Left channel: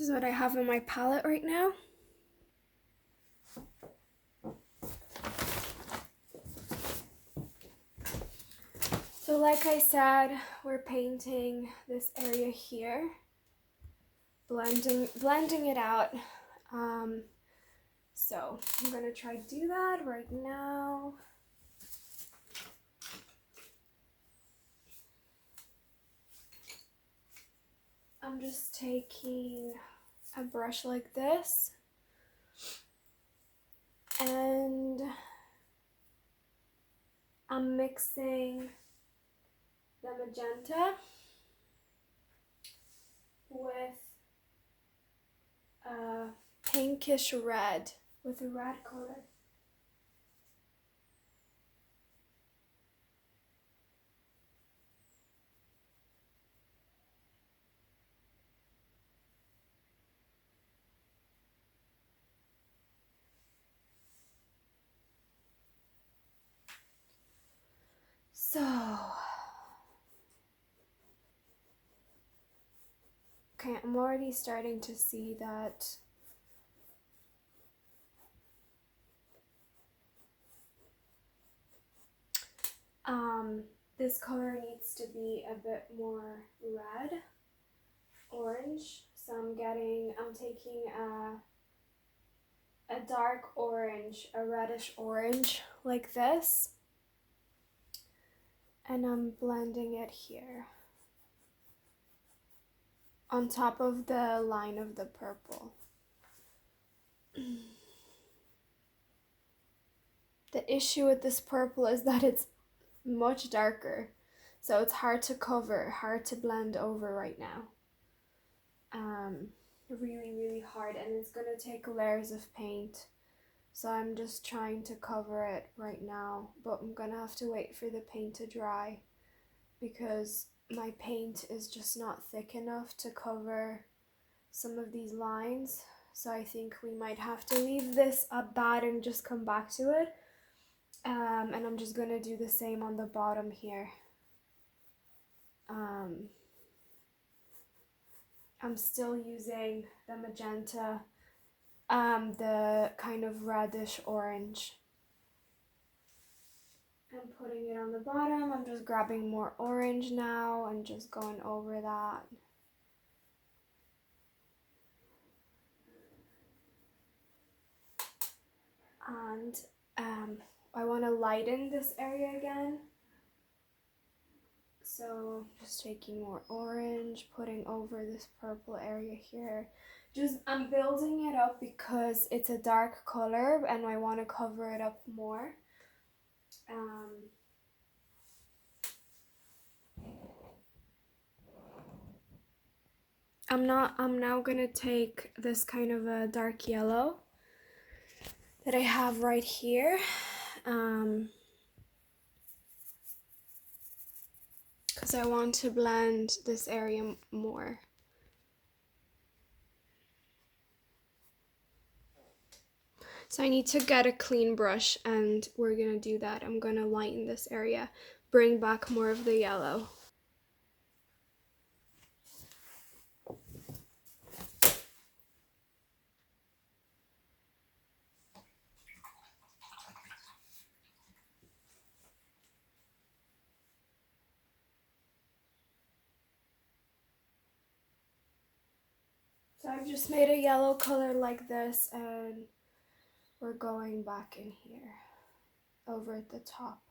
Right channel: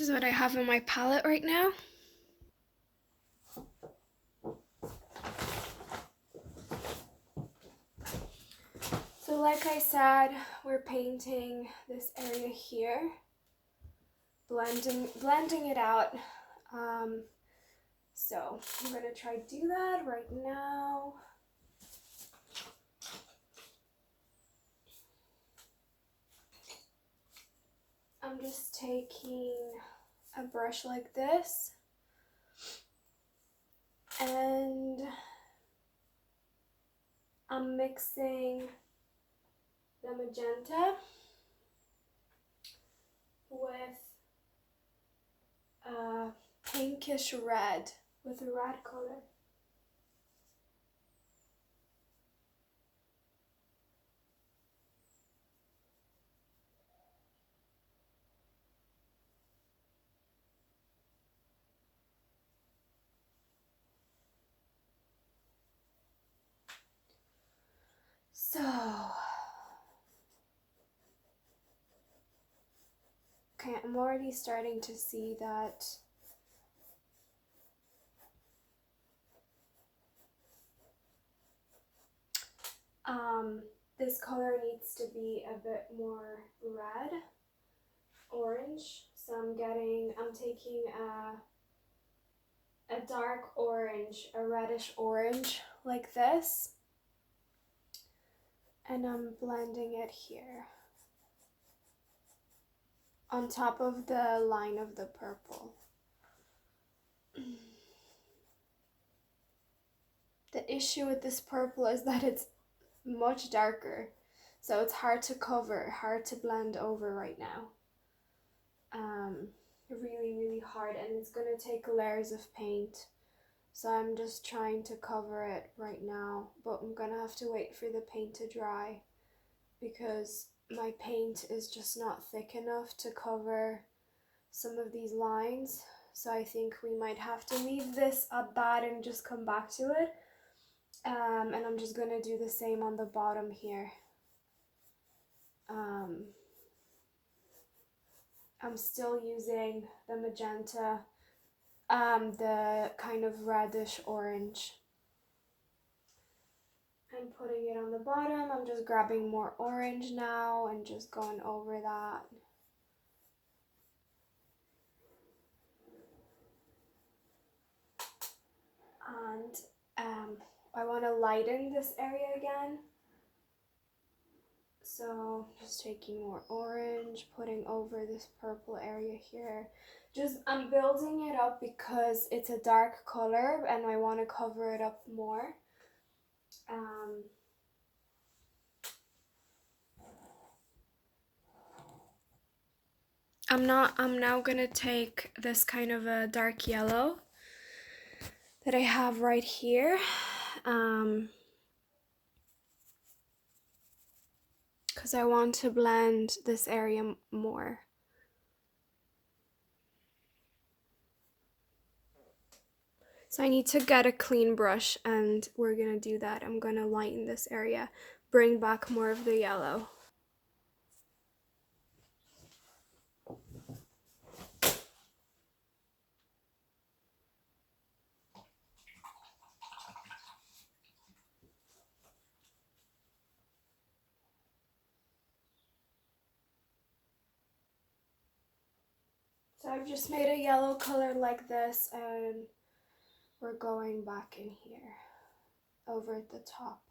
This is what I have in my palette right now. So like I said, we're painting this area here, blending it out. So I'm gonna try to do that right now. I'm just taking a brush like this and I'm mixing the magenta with a pinkish red, with a red color. So, okay, I'm already starting to see that this color needs to be a bit more red, orange. So I'm taking a dark orange, a reddish orange like this, and I'm blending it here on top of the line of the purple. The issue with this purple is that it's much darker, so it's hard to cover, hard to blend over right now. Really hard, and it's gonna take layers of paint, so I'm just trying to cover it right now, but I'm gonna have to wait for the paint to dry because my paint is just not thick enough to cover some of these lines. So I think we might have to leave this at that and just come back to it. And I'm just gonna do the same on the bottom here. I'm still using the magenta, the kind of reddish orange. I'm putting it on the bottom. I'm just grabbing more orange now and just going over that. And I want to lighten this area again. So just taking more orange, putting over this purple area here. I'm building it up because it's a dark color and I want to cover it up more. I'm now gonna take this kind of a dark yellow that I have right here. Because I want to blend this area more. So I need to get a clean brush and we're gonna do that. I'm gonna lighten this area, bring back more of the yellow. So I've just made a yellow color like this and we're going back in here, over at the top.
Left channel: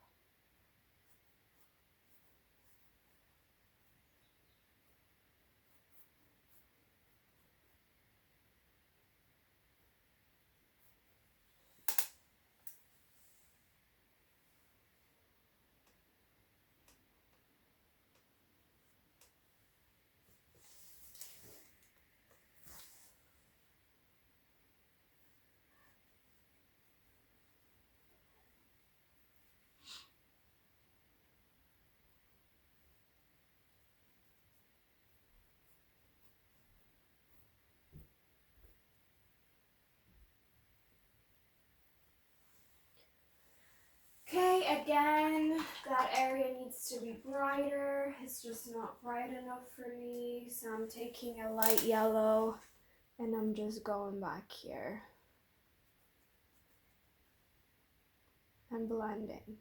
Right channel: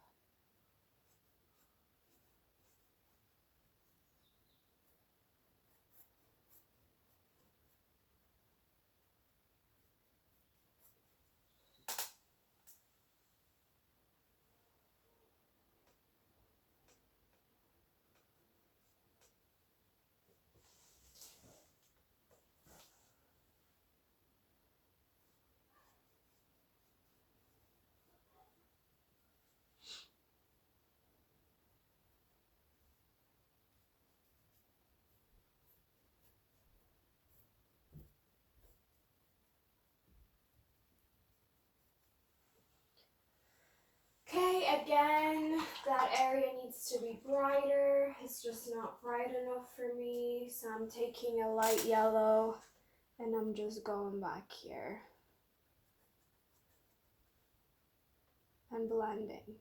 Okay, again, that area needs to be brighter. It's just not bright enough for me, so I'm taking a light yellow And I'm just going back here and blending.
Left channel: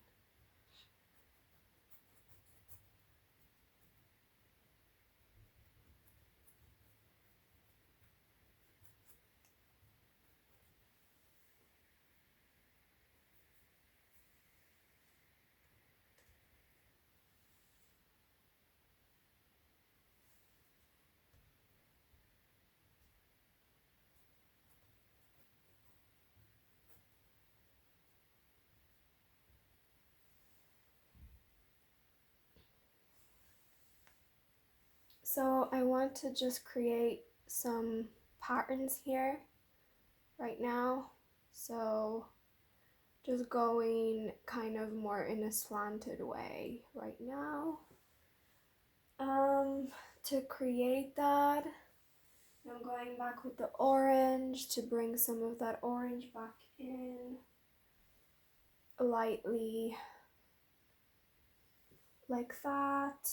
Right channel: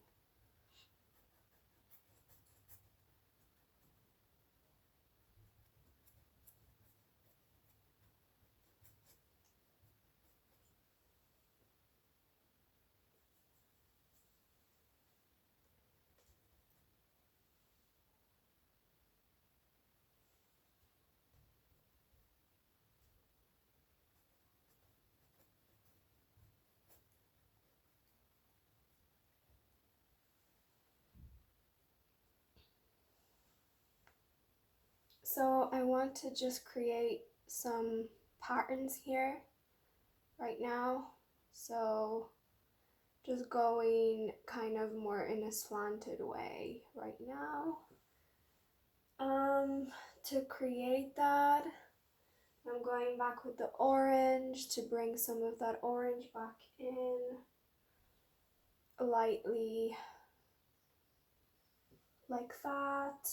So I want to just create some patterns here right now. So just going kind of more in a slanted way right now. To create that, I'm going back with the orange to bring some of that orange back in lightly like that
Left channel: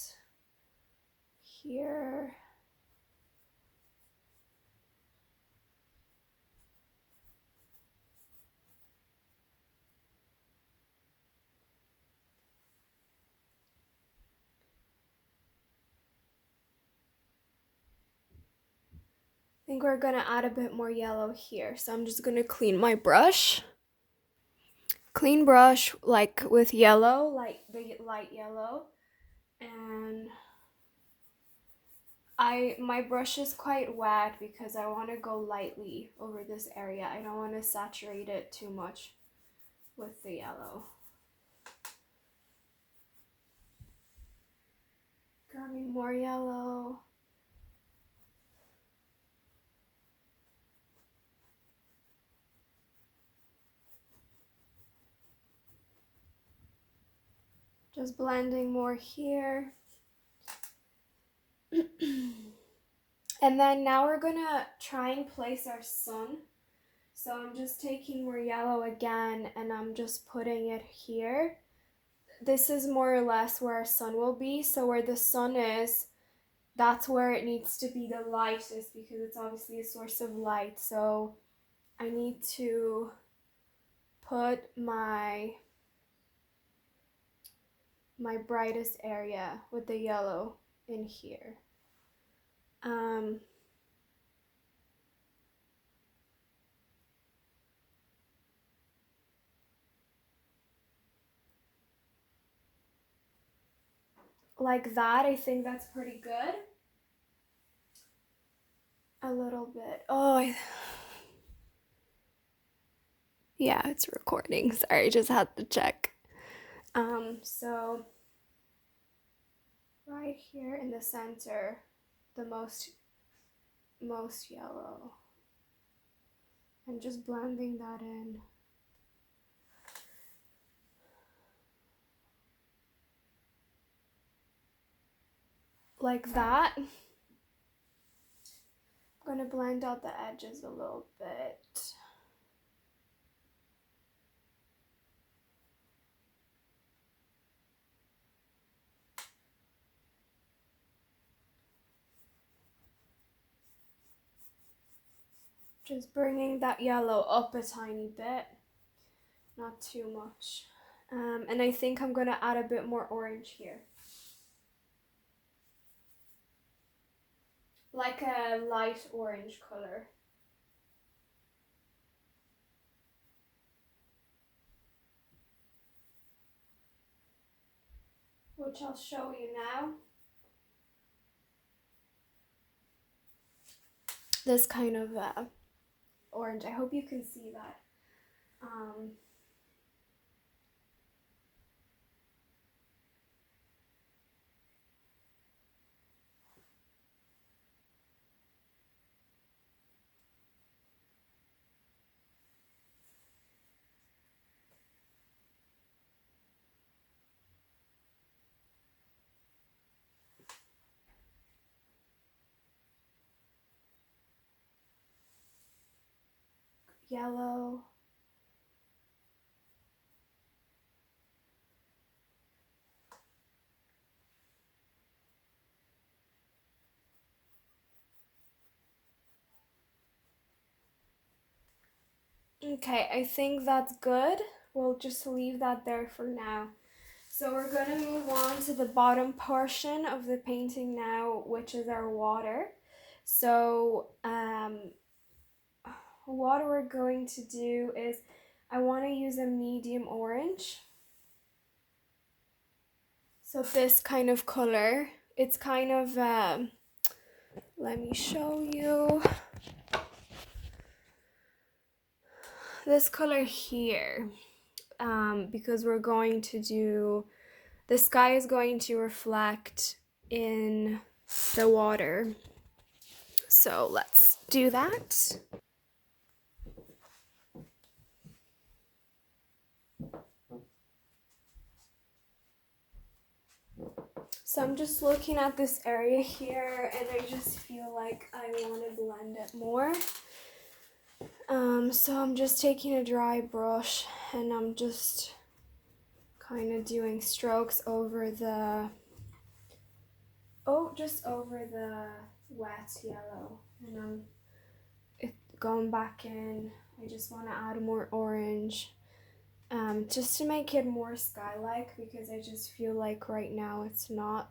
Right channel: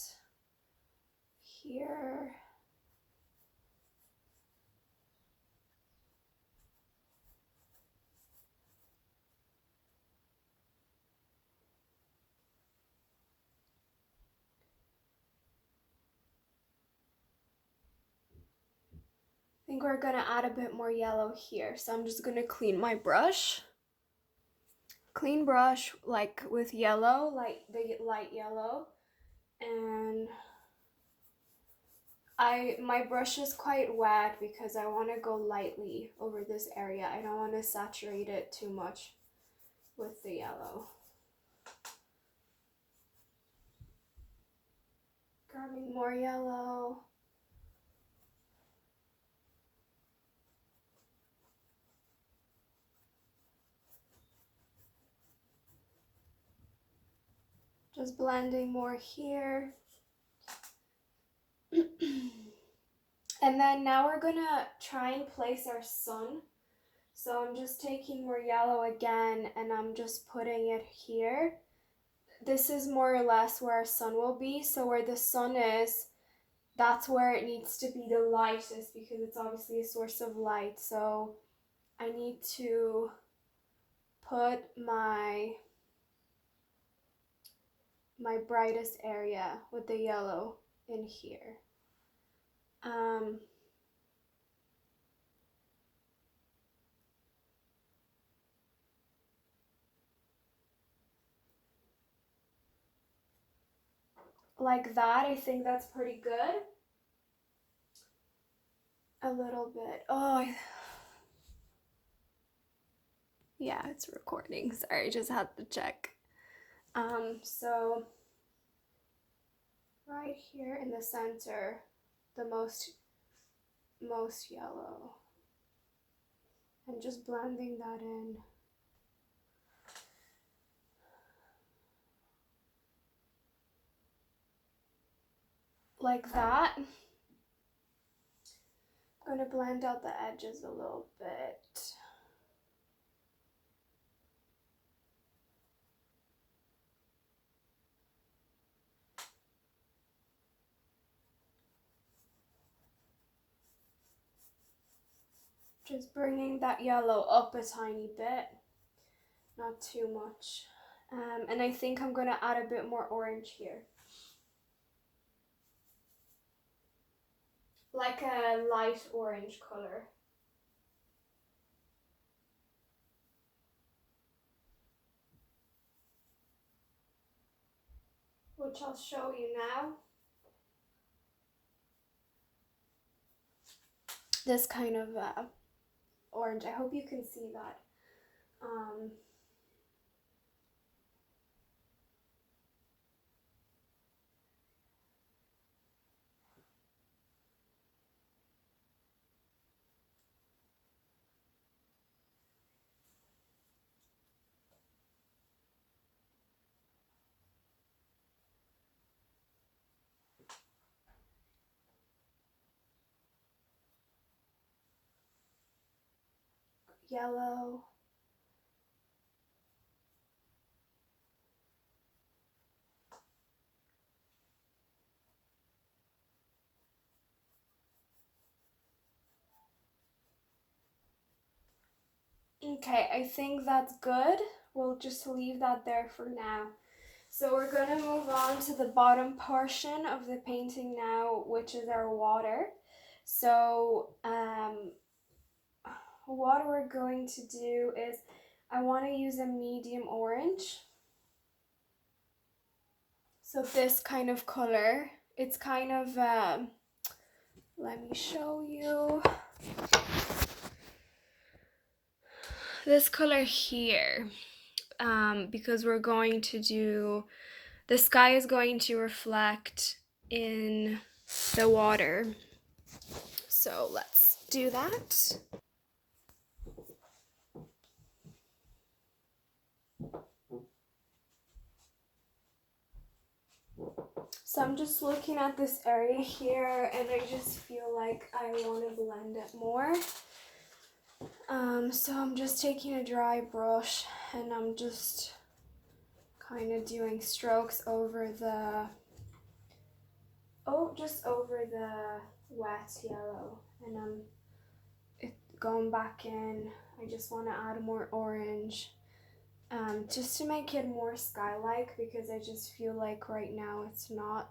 here. I think we're gonna add a bit more yellow here, so I'm just gonna clean my brush. Clean brush like with yellow, like the light yellow, and my brush is quite wet because I want to go lightly over this area. I don't want to saturate it too much with the yellow. Grabbing more yellow. Just blending more here. And then now we're gonna try and place our sun. So I'm just taking more yellow again and I'm just putting it here. This is more or less where our sun will be. So where the sun is, that's where it needs to be the lightest because it's obviously a source of light. So I need to put my brightest area with the yellow in here. Like that, I think that's pretty good. A little bit. Oh, yeah, it's recording. Sorry, just had to check. So right here in the center, the most yellow. And just blending that in. Like that. I'm gonna blend out the edges a little bit. Just bringing that yellow up a tiny bit, not too much. And I think I'm gonna add a bit more orange here. Like a light orange color. Which I'll show you now. This kind of orange. I hope you can see that. Yellow. Okay, I think that's good. We'll just leave that there for now. So we're gonna move on to the bottom portion of the painting now, which is our water. So what we're going to do is I want to use a medium orange. So this kind of color, it's kind of, let me show you. This color here, because we're going to do, the sky is going to reflect in the water. So let's do that. So I'm just looking at this area here and I just feel like I want to blend it more. So I'm just taking a dry brush and I'm just kind of doing strokes over the, just over the wet yellow, and I'm going back in. I just want to add more orange, just to make it more sky-like, because I just feel like right now it's not.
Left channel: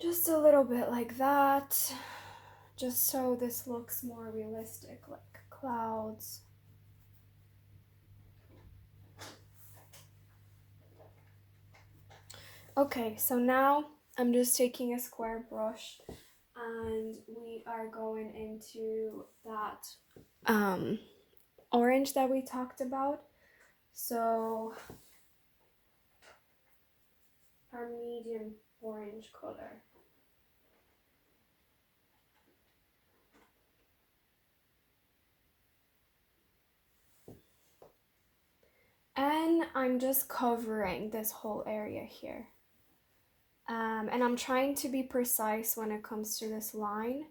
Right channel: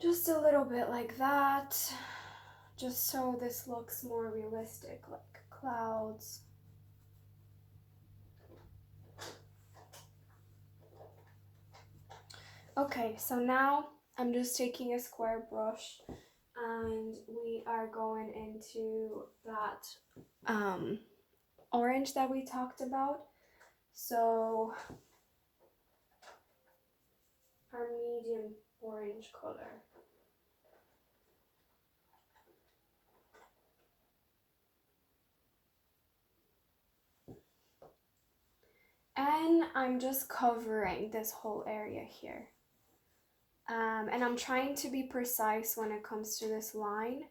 Just a little bit like that, just so this looks more realistic, like clouds. Okay, so now I'm just taking a square brush and we are going into that orange that we talked about. So our medium orange color. And I'm just covering this whole area here. And I'm trying to be precise when it comes to this line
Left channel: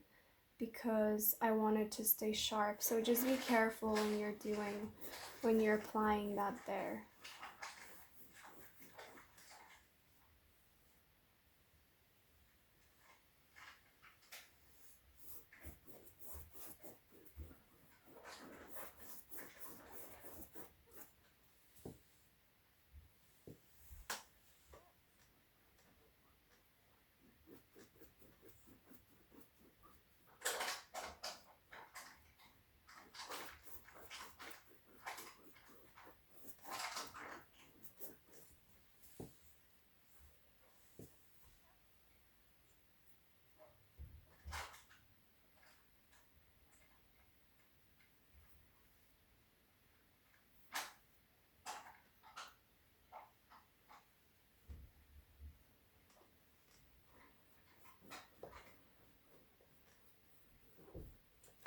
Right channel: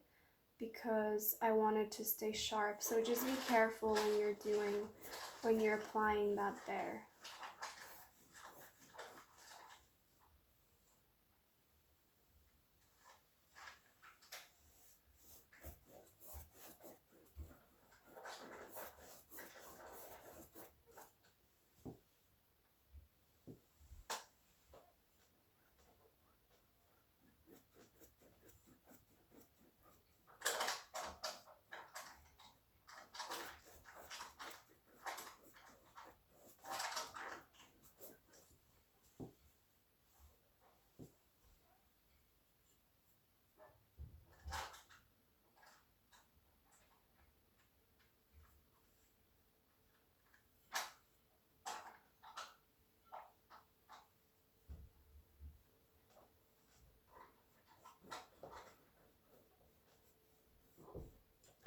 because I want it to stay sharp. So just be careful when you're applying that there.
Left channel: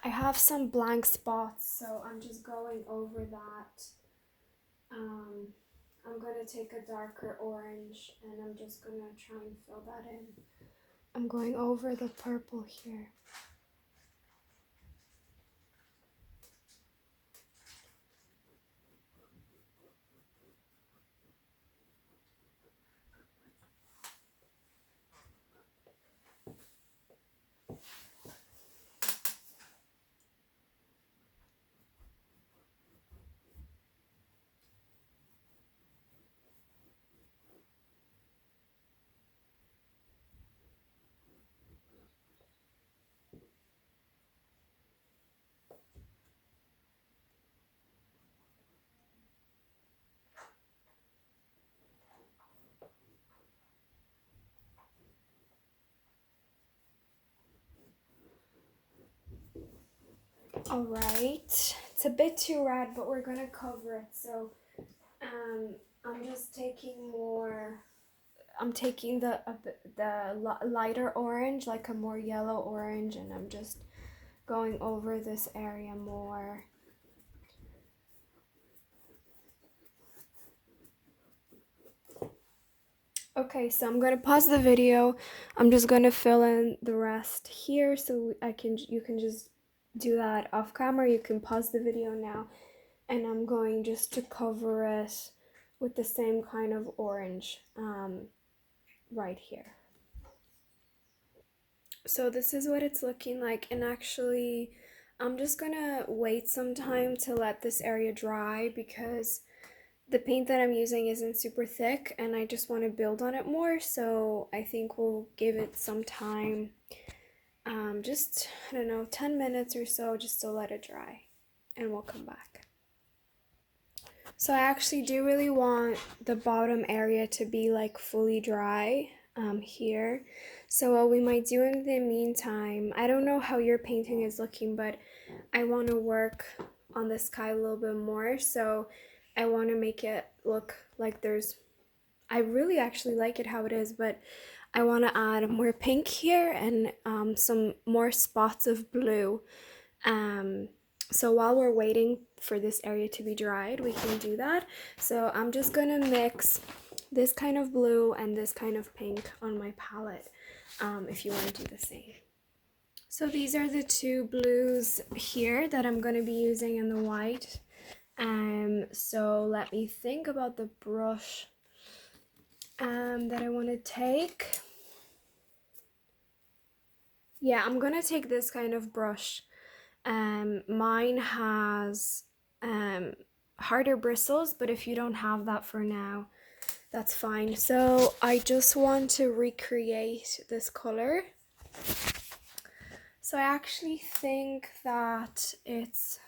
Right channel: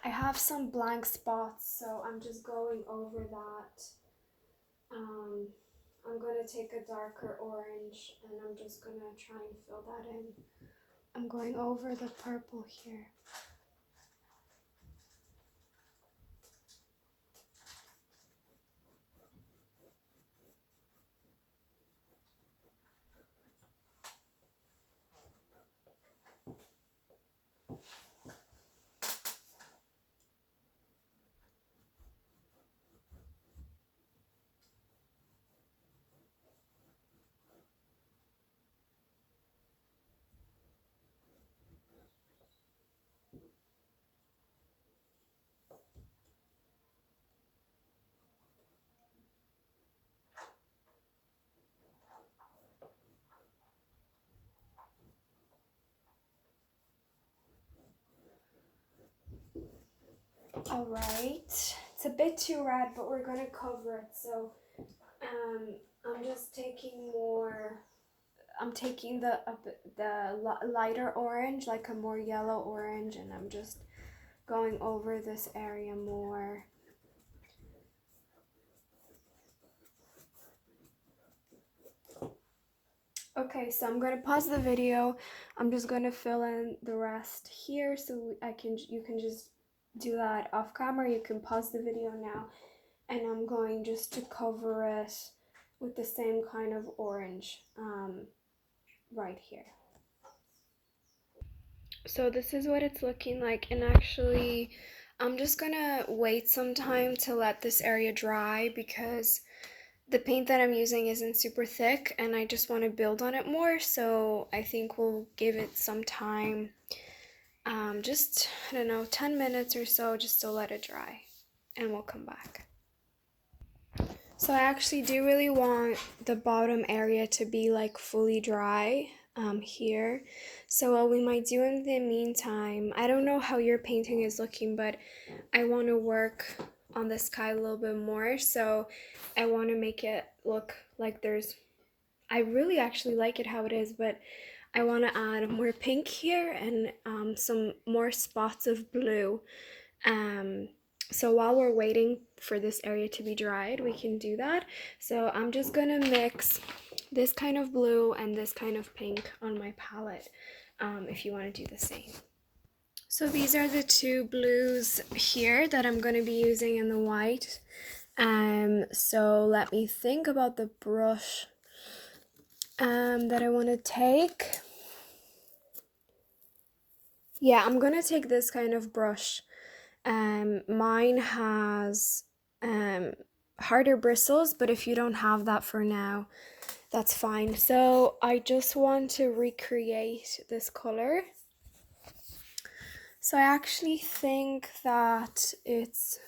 I have some blank spots, so I'm just going over that. I'm gonna take a darker orange and I'm just gonna try and fill that in. I'm going over the purple here. All right, it's a bit too red, but we're gonna cover it. So I'm just taking more. I'm taking the lighter orange, like a more yellow orange, and I'm just going over this area more. Okay, so I'm gonna pause the video. I'm just gonna fill in the rest here, so you can just do that off camera. You can pause the video now, and I'm going just to cover it with the same kind of orange right here. So this is what it's looking like, and actually I'm just gonna wait some time to let this area dry because the paint that I'm using isn't super thick and I just want to build on it more, so I think we'll give it some time, just, I don't know, 10 minutes or so just to let it dry, and we'll come back. So I actually do really want the bottom area to be like fully dry here. So what we might do in the meantime, I don't know how your painting is looking, but I want to work on the sky a little bit more. So I want to make it look like I really actually like it how it is, but I want to add more pink here and some more spots of blue. So while we're waiting for this area to be dried, we can do that. So I'm just gonna mix this kind of blue and this kind of pink on my palette, if you want to do the same. So these are the two blues here that I'm going to be using in the white. So let me think about the brush that I want to take. Yeah, I'm going to take this kind of brush. Mine has harder bristles, but if you don't have that for now, that's fine. So I just want to recreate this color. So I actually think that it's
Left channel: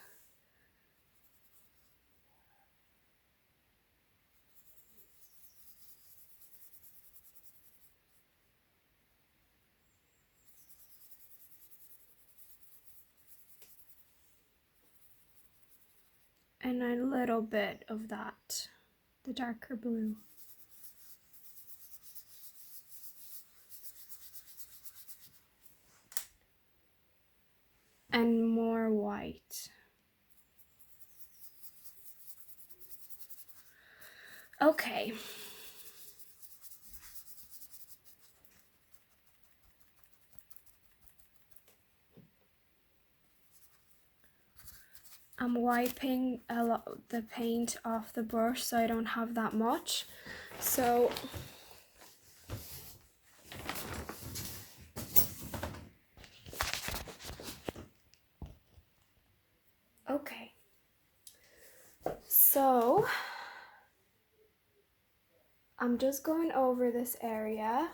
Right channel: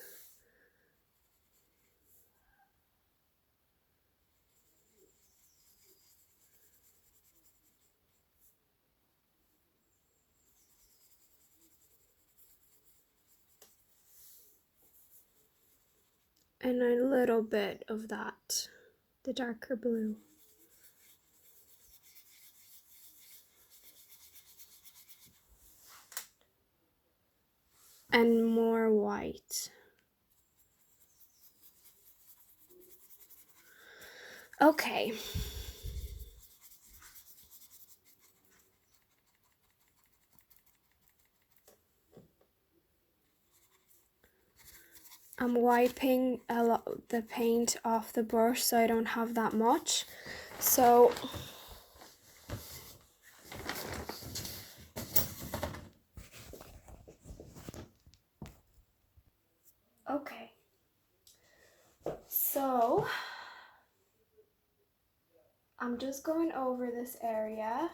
and a little bit of that, the darker blue. And more white. Okay. I'm wiping the paint off the brush so I don't have that much. So okay. So I'm just going over this area.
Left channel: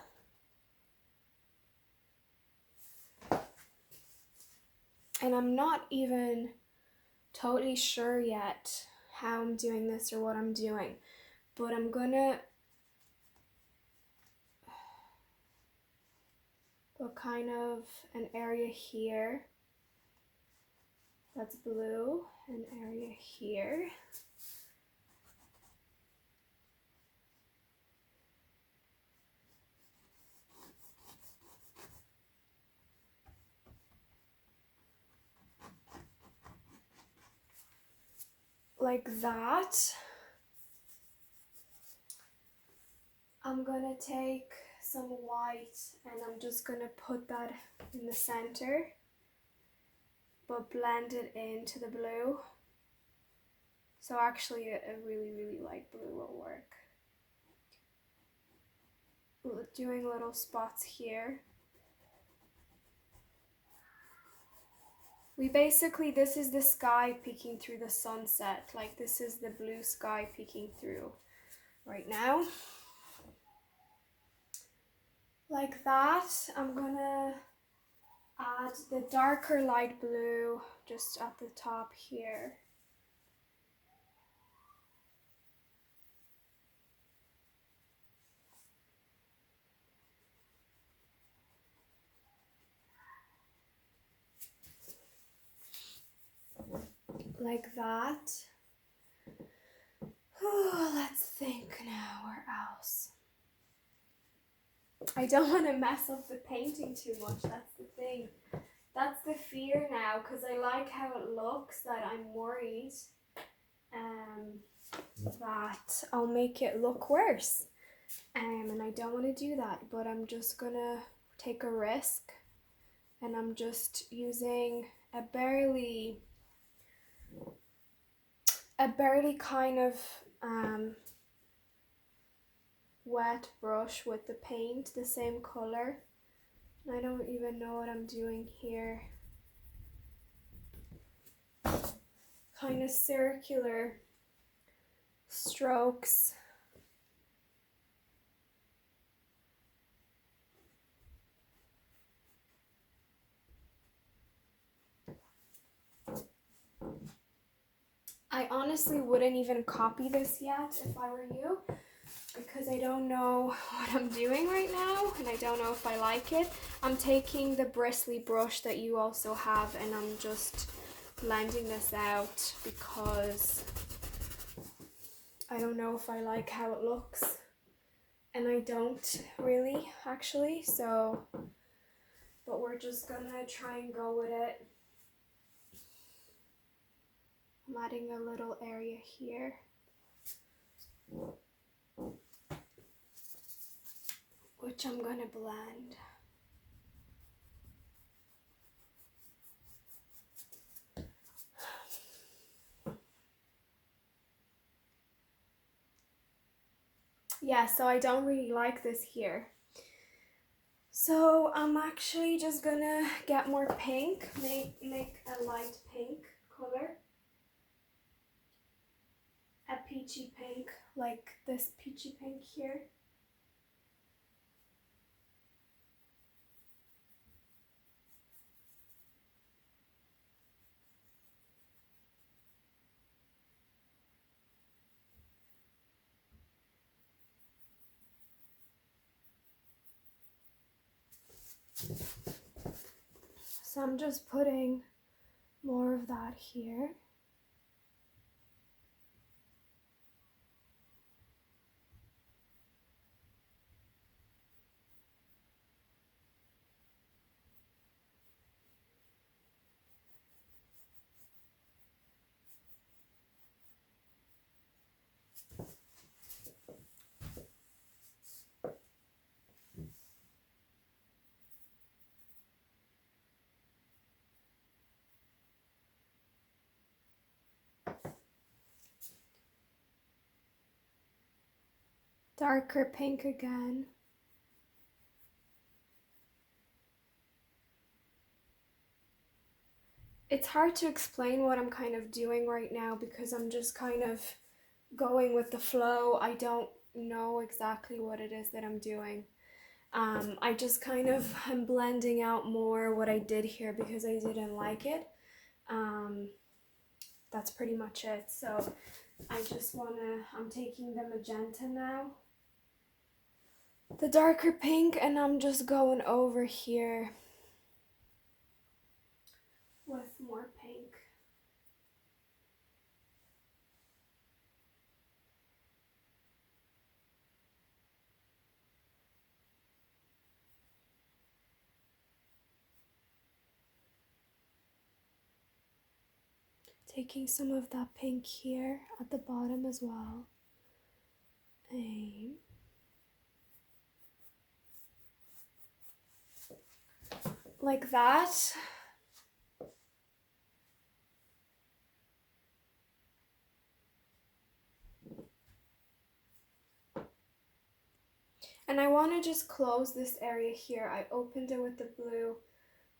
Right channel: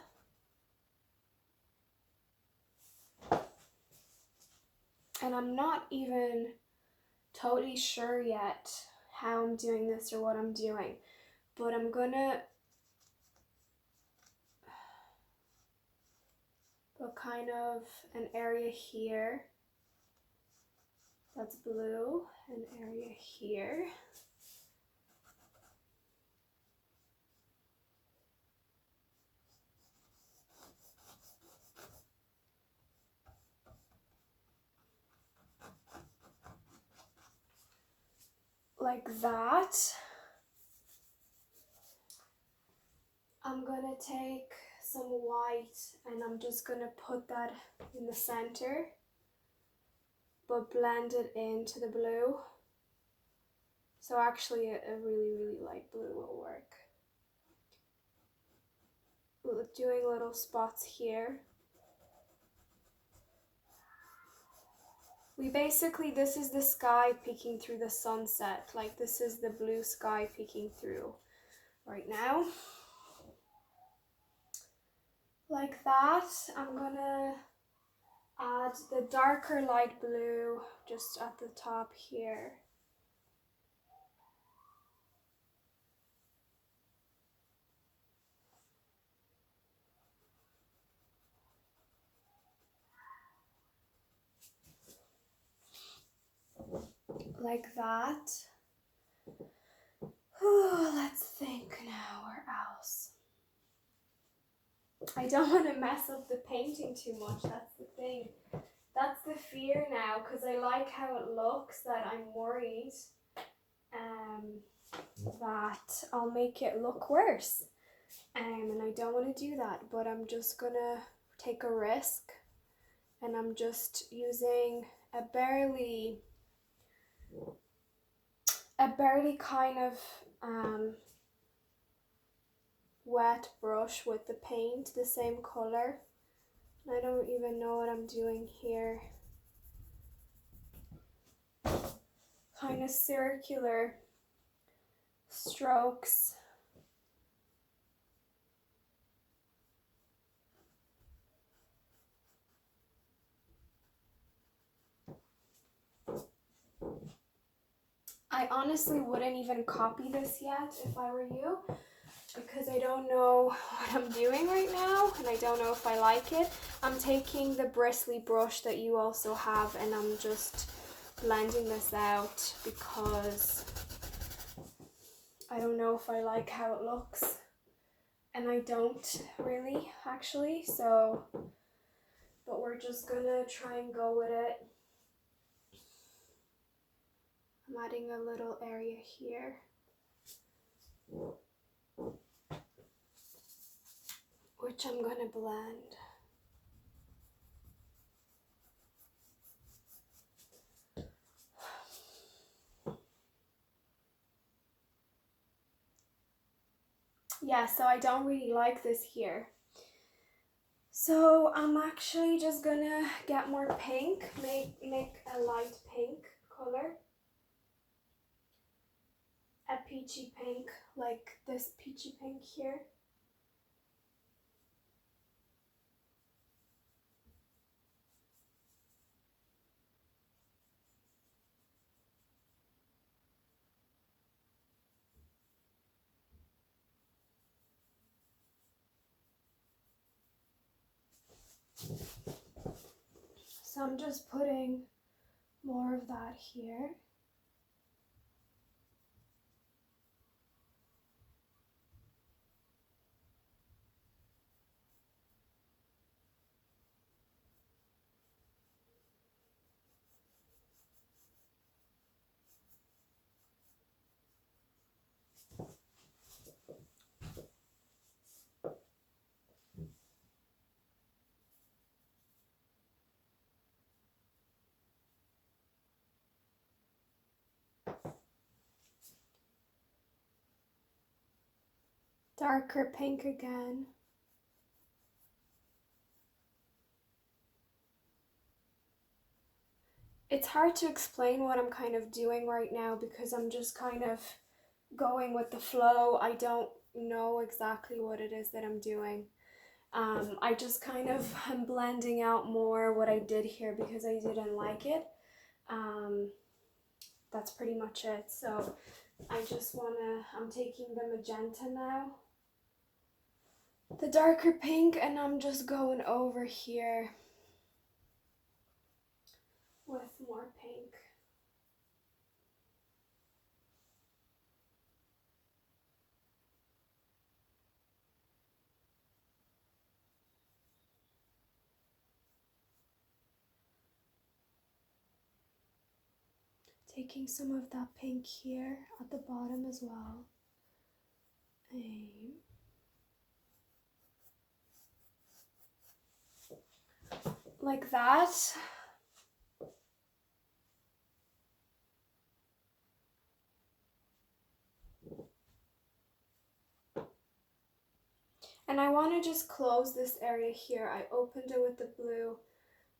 And I'm not even totally sure yet how I'm doing this or what I'm doing, but I'm gonna put kind of an area here that's blue, an area here. Like that. I'm gonna take some white and I'm just gonna put that in the center, but blend it into the blue. So actually a really light blue will work. Doing little spots here. This is the sky peeking through the sunset. Like this is the blue sky peeking through right now. Like that. I'm gonna add the darker light blue just at the top here. Like that. Let's think now, where else? I don't want to mess up the painting too much, that's the thing. That's the fear now, because I like how it looks, that I'm worried that I'll make it look worse. And I don't want to do that, but I'm just gonna take a risk, and I'm just using a barely kind of wet brush with the paint the same color. I don't even know what I'm doing here. Kind of circular strokes. I honestly wouldn't even copy this yet if I were you, because I don't know what I'm doing right now and I don't know if I like it. I'm taking the bristly brush that you also have and I'm just blending this out because I don't know if I like how it looks, and I don't really actually, so but we're just gonna try and go with it. I'm adding a little area here, which I'm gonna blend. Yeah, so I don't really like this here. So I'm actually just gonna get more pink, make a light pink color. A peachy pink, like this peachy pink here. So I'm just putting more of that here. Darker pink again. It's hard to explain what I'm kind of doing right now because I'm just kind of going with the flow. I don't know exactly what it is that I'm doing. I just kind of am blending out more what I did here because I didn't like it. That's pretty much it. So I'm taking the magenta now, the darker pink, and I'm just going over here with more pink. Taking some of that pink here at the bottom as well. Like that. And I want to just close this area here. I opened it with the blue,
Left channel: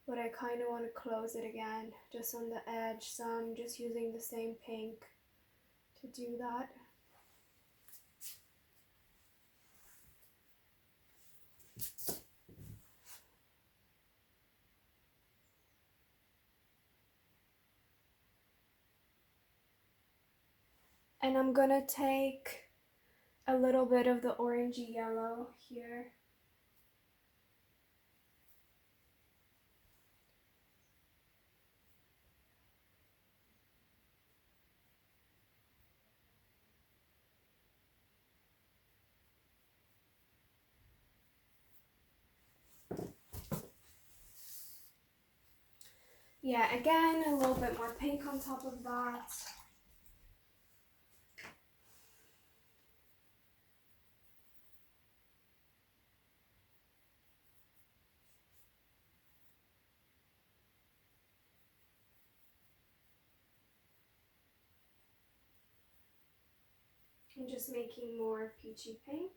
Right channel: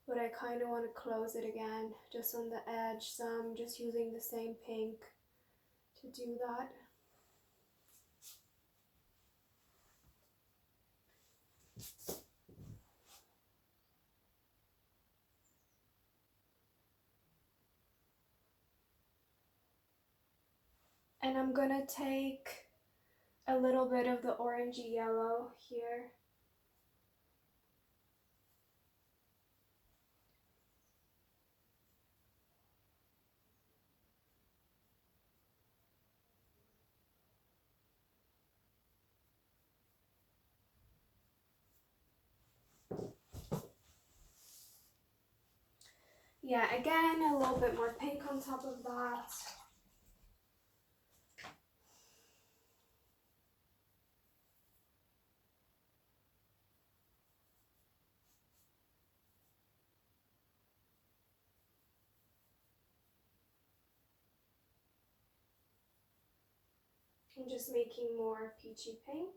but I kind of want to close it again, just on the edge. So I'm just using the same pink to do that. And I'm gonna take a little bit of the orangey yellow here. Yeah, again, a little bit more pink on top of that. I'm just making more peachy pink.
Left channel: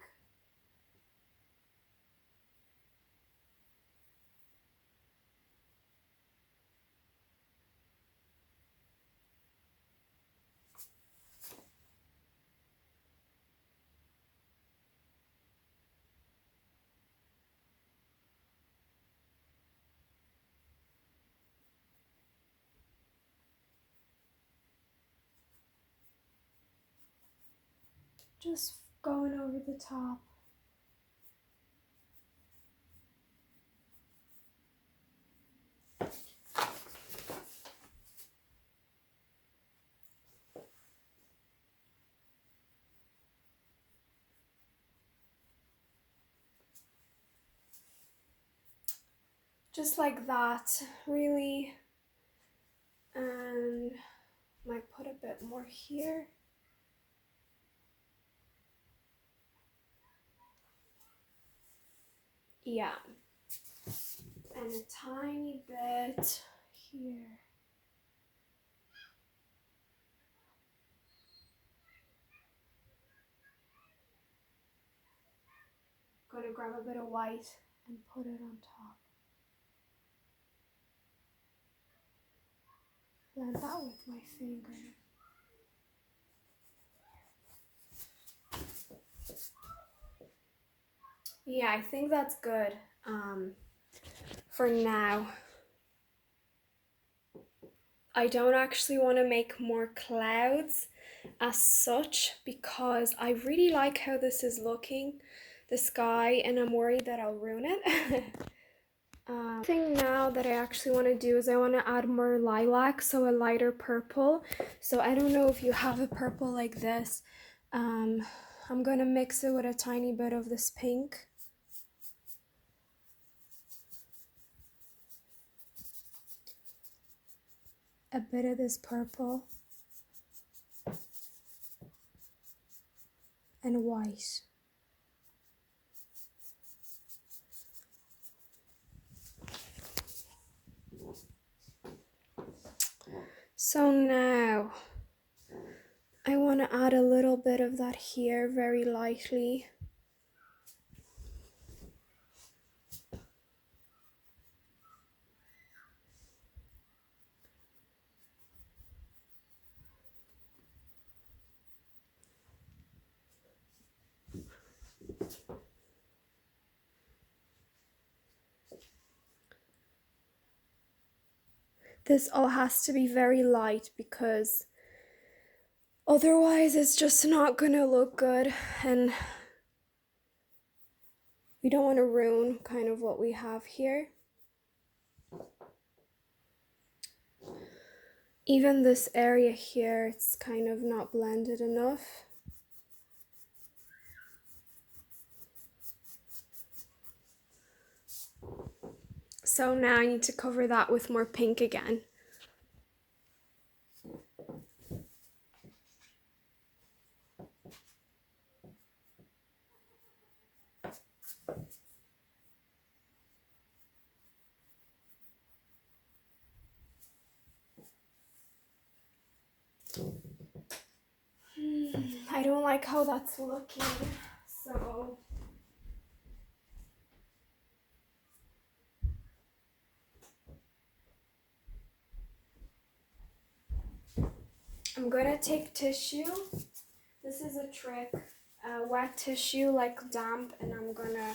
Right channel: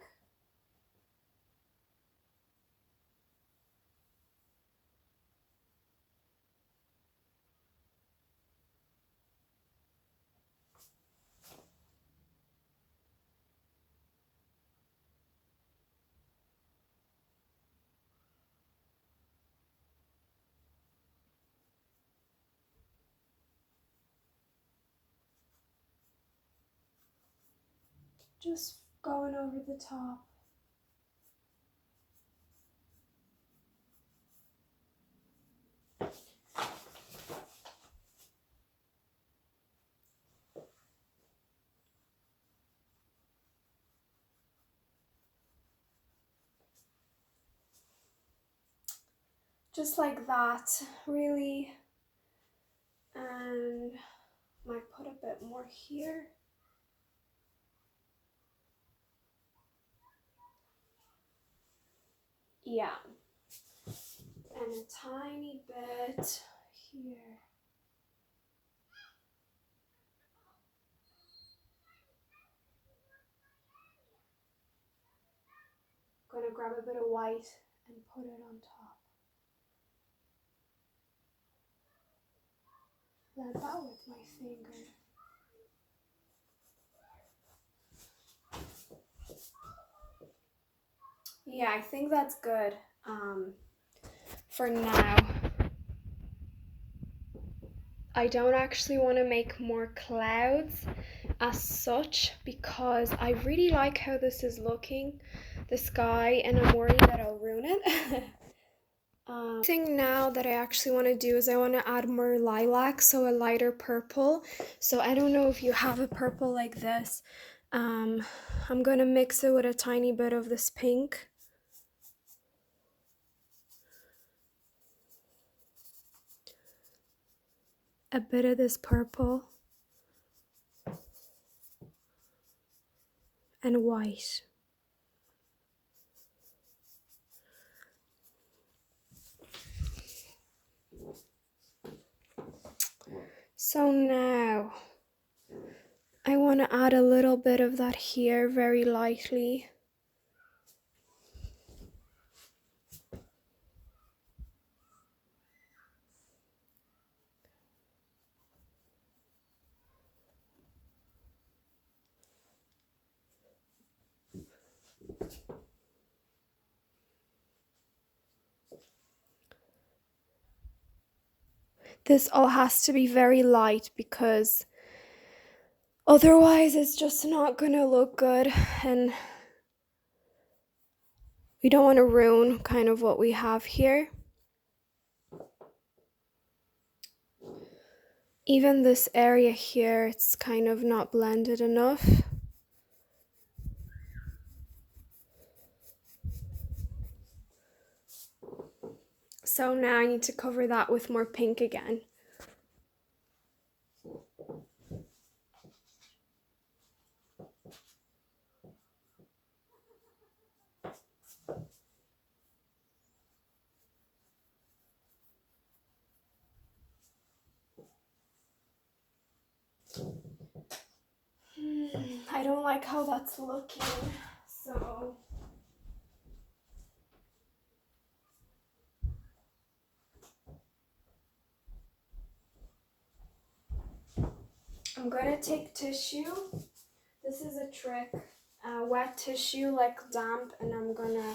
Just going over the top. Just like that, really. And might put a bit more here. Yeah. And a tiny bit here. Gonna grab a bit of white and put it on top. Blend that with my finger. Yeah, I think that's good for now. I don't actually want to make more clouds as such because I really like how this is looking, the sky, and I'm worried that I'll ruin it. Thing now that I actually want to do is I want to add more lilac, so a lighter purple. So I don't know if you have a purple like this. I'm going to mix it with a tiny bit of this pink. A bit of this purple. And white. So now I want to add a little bit of that here very lightly. This all has to be very light because otherwise it's just not gonna look good, and we don't want to ruin kind of what we have here. Even this area here, it's kind of not blended enough. So now I need to cover that with more pink again. I don't like how that's looking, so I'm gonna take tissue. This is a trick. Wet tissue, like damp, and I'm gonna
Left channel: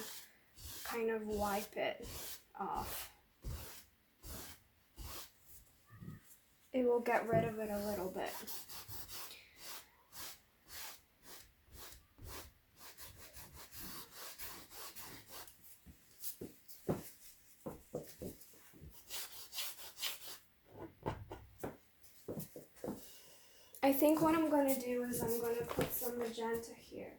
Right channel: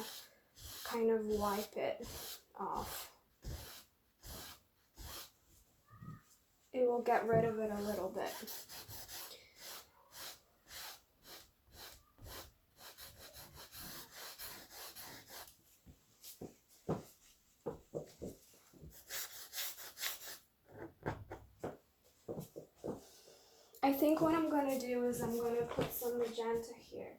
kind of wipe it off. It will get rid of it a little bit. I think what I'm gonna do is I'm gonna put some magenta here.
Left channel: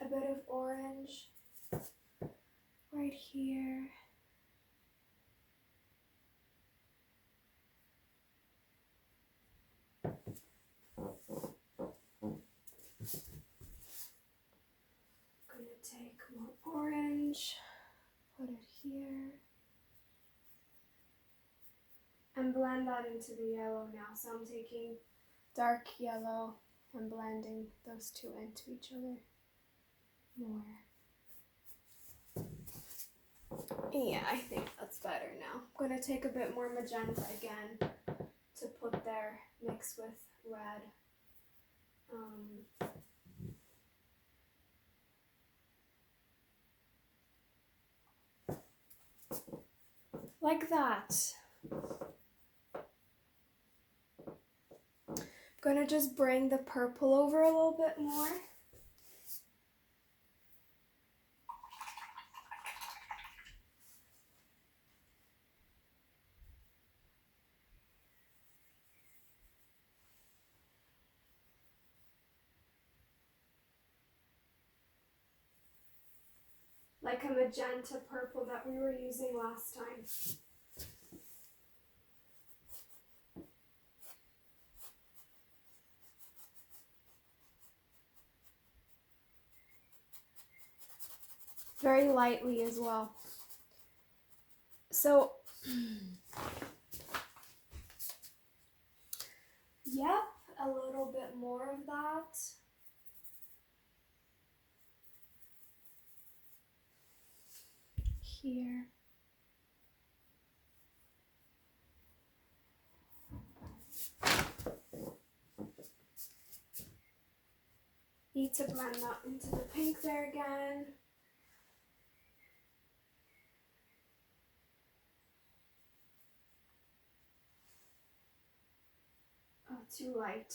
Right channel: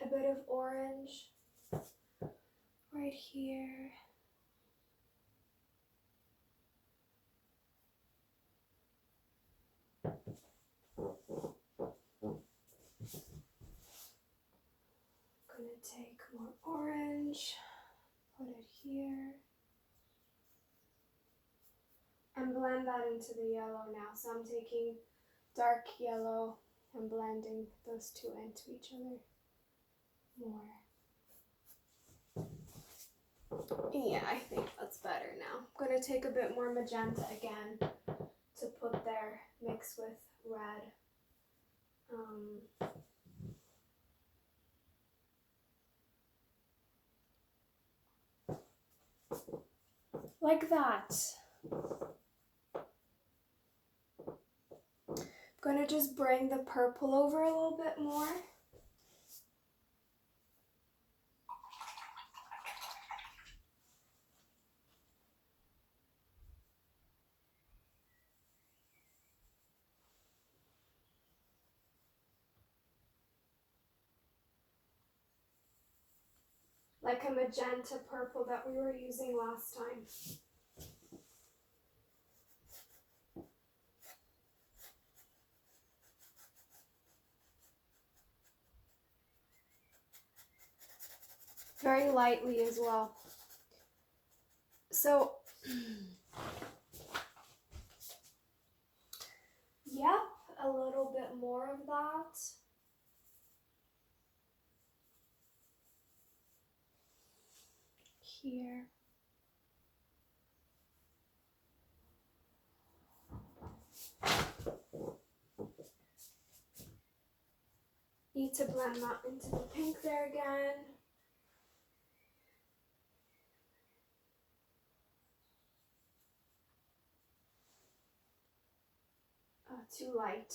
A bit of orange right here. Gonna take more orange, put it here, and blend that into the yellow now. So I'm taking dark yellow and blending those two into each other more. Yeah, I think that's better now. I'm going to take a bit more magenta again to put there, mix with red. Like that. I'm going to just bring the purple over a little bit more. Like a magenta purple that we were using last time. Very lightly as well. So, yep, a little bit more of that. Here. Need to blend that into the pink there again. Oh, too light.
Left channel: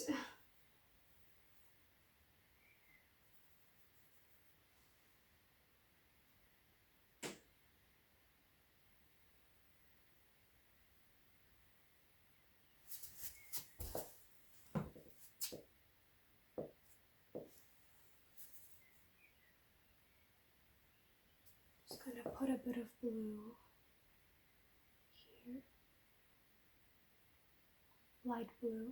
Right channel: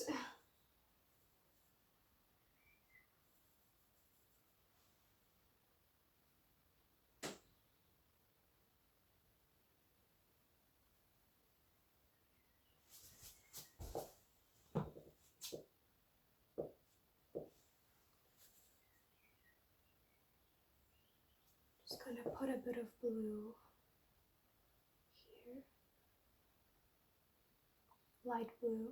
Just gonna put a bit of blue here. Light blue.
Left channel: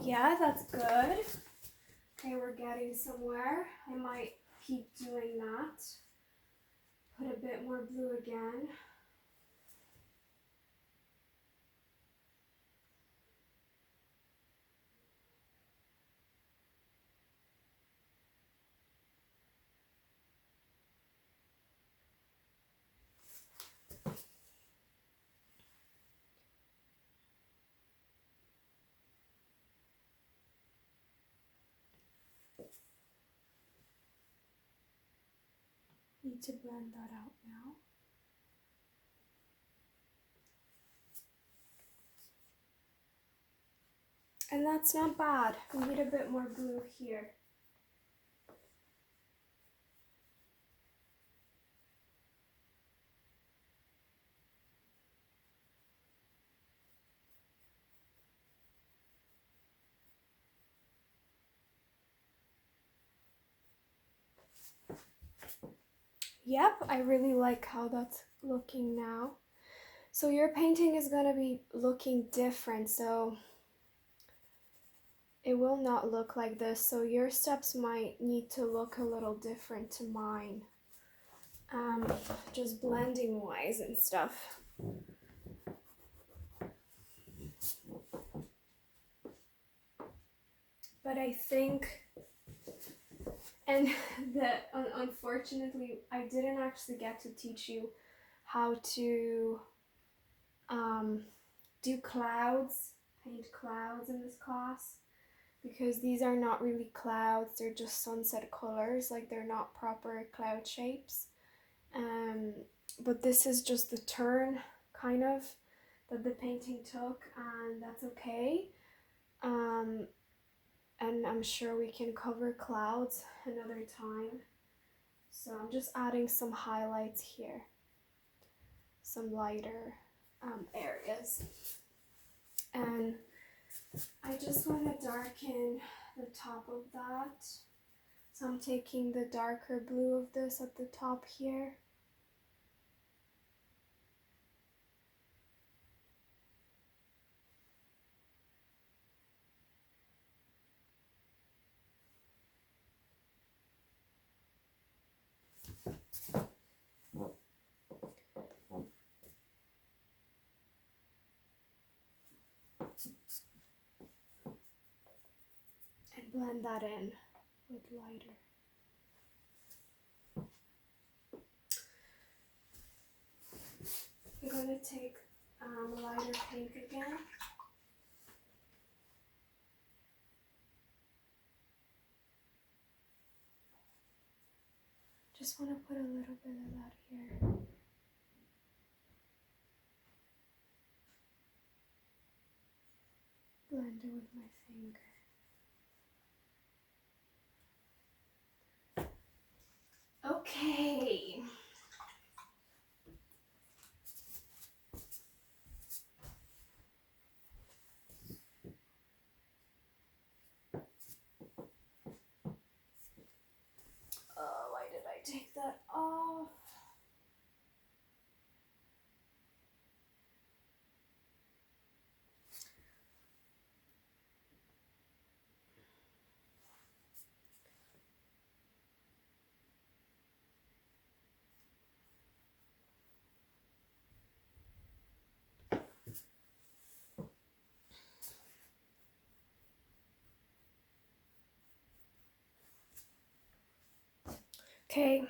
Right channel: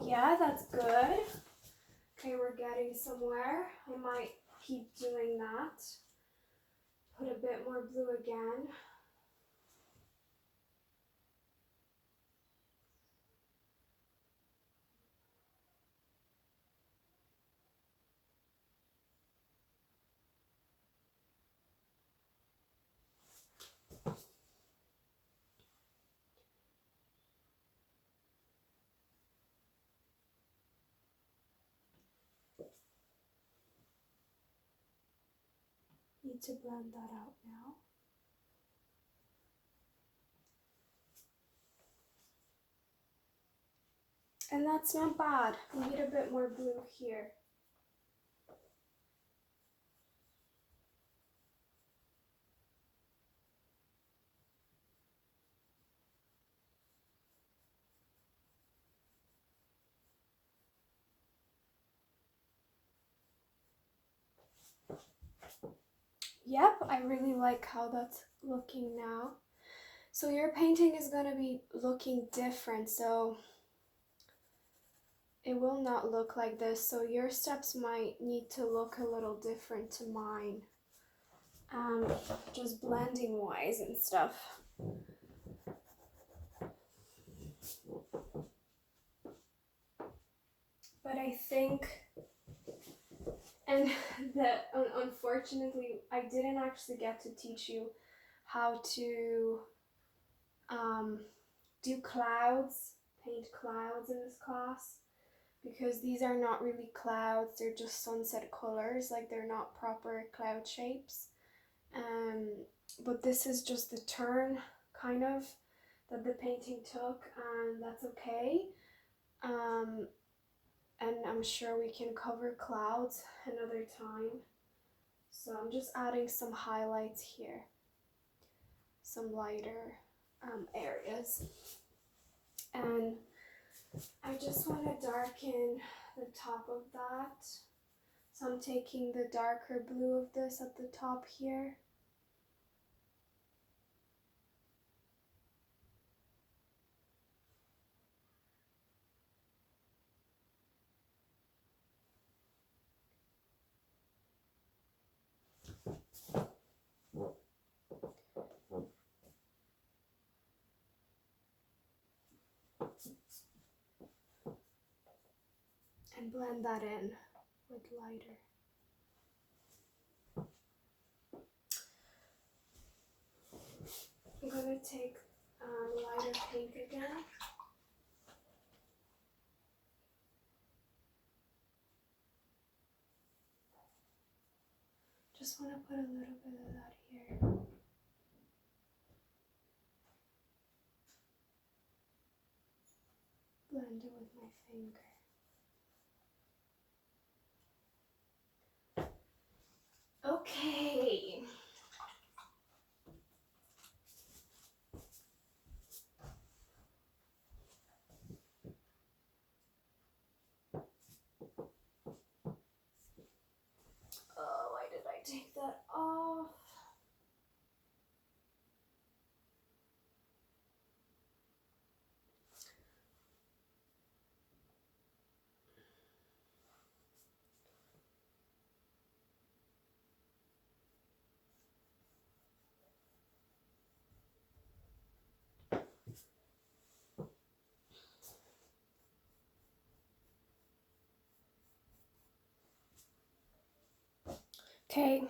Yeah, that's good. Okay, we're getting somewhere. I might keep doing that. Put a bit more blue again. Need to blend that out now. And that's not bad. We need a bit more blue here. Yep, I really like how that's looking now. So your painting is going to be looking different, so it will not look like this. So your steps might need to look a little different to mine. Just blending wise and stuff. But I think, and that unfortunately I didn't actually get to teach you how to do clouds, paint clouds in this class, because these are not really clouds, they're just sunset colors, like they're not proper cloud shapes. But this is just the turn kind of that the painting took, and that's okay. And I'm sure we can cover clouds another time. So I'm just adding some highlights here, some lighter areas. And I just want to darken the top of that. So I'm taking the darker blue of this at the top here. blend that in with lighter. I'm going to take lighter pink again. Just want to put a little bit of that here. Blend it with my finger. Okay. Oh, why did I take that off? Okay,